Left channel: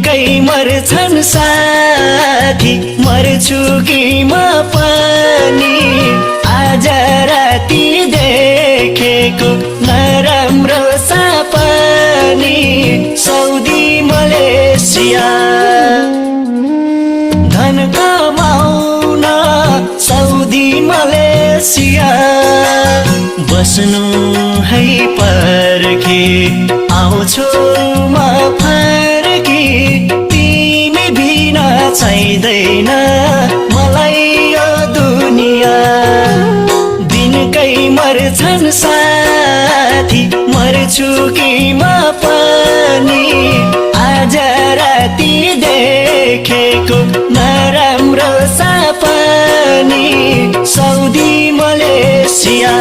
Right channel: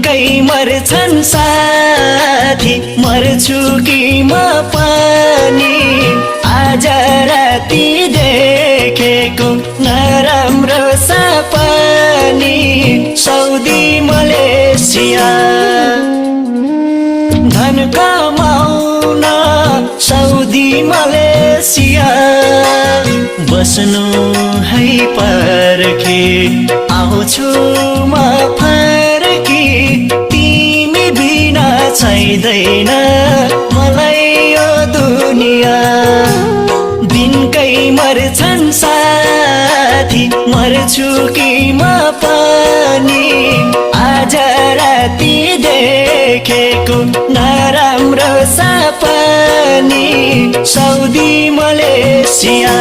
दिनकै मर्छन् साथी मर्छु कि म पनि आज राति देखेको नराम्रो सपनी साउदी मलेसिया धन कमाउन साउदी मलेसिया बस्नु है पर्खी आउँछु म फर्की तिमी बिना चाहिँदैन मलाई यो दुनिया दिनकै मर्छन् साथी मर्छु कि म पनि आज राति देखेको नराम्रो सपनी साउदी मलेसिया